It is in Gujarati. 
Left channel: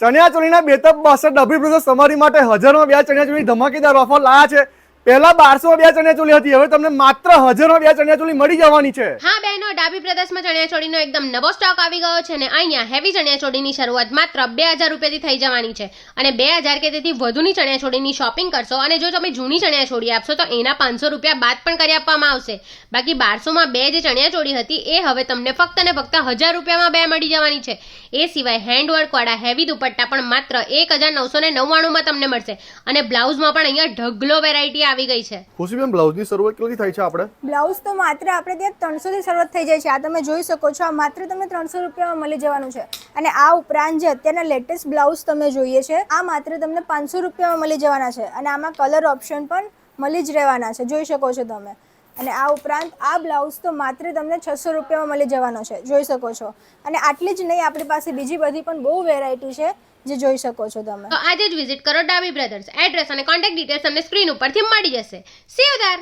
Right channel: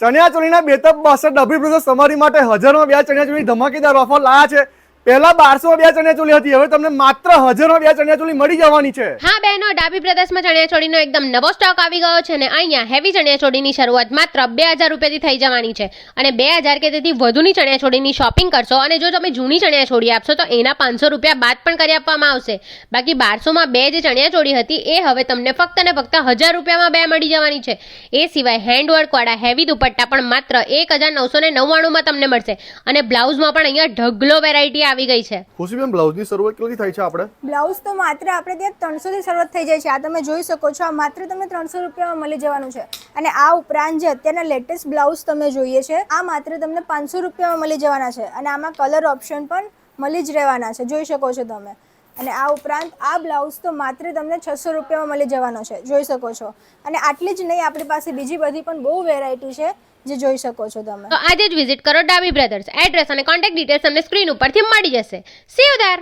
ચણિયાચોળીના બેતબ 62 ડબ્બી બ્રધર્સ તમારી માટે હજારમાં 2 ચણિયાચોળી ધમાકેદાર ઓફર લાયા છે। પહેલા 1200 2 ચણિયાચોળી હતી, હવે તમને માત્ર 1000માં 2 ચણિયાચોળી મળી જવાની છે। હા બહેનો, ડાબી બ્રધર્સમાં ચણિયાચોળીનો એકદમ નવો સ્ટોક આવી ગયો છે ને અહીંયા હેવી ચણિયાચોળીની શરૂઆત માત્ર 2000 રૂપિયાથી થઈ જવાની છે અને 2000 કે તેથી વધુની ચણિયાચોળીની શોપિંગ કરશો અને જો તમે જૂની ચણિયાચોળી આપશો તો એના 500 રૂપિયા બાદ પણ કરી આપવામાં આવશે। બાકી 1200માં 2 જે ચણિયાચોળી હતી એ હવે તમને ફક્ત ને ફક્ત 1000 રૂપિયામાં 2 મળી જવાની છે। એ સિવાય હેન્ડવર્ક વાળા હેવી દુપટ્ટા પણ માત્ર 1999માં તમને મળશે અને બ્લાઉઝમાં પણ અહીંયા ઢગલો વેરાયટી આવી ગઈ છે। ખુશીબેન, બ્લાઉઝની શરૂઆત કેટલી થાય છે આપણે? બ્લાઉઝ તો માત્ર આપણે ત્યાં 300 થી શરૂઆત થઈ જાય છે। આ તમે જોઈ શકો છો, આ માત્ર તમને 300 રૂપિયામાં મળી જવાનું છે અને આ ઉપરાંત જે અત્યારના લેટેસ્ટ બ્લાઉઝ તમે જોઈએ છે આ માત્ર તમને 500 રૂપિયામાં મળી જવાના છે અને આમાં કલર ઓપ્શન પણ મળી જ રહેવાના છે, જોઈ શકો છો તમે। અને આ ઉપરાંત આ બ્લાઉઝ તો માત્ર તમને 600 રૂપિયામાં મળી જવાનો છે, જોઈ શકો છો। અને આટલી જ નહીં, આપણી પાસે બીજી બધી પણ બહુ વેરાયટી છે જે જોઈ શકો છો તમે। તો આજે જ વિઝિટ કરો ડાબી બ્રધર્સ। એડ્રેસ અને કોન્ટેક્ટ ડિટેલ્સ તમને સ્ક્રીન ઉપરથી મળી જશે। C you there.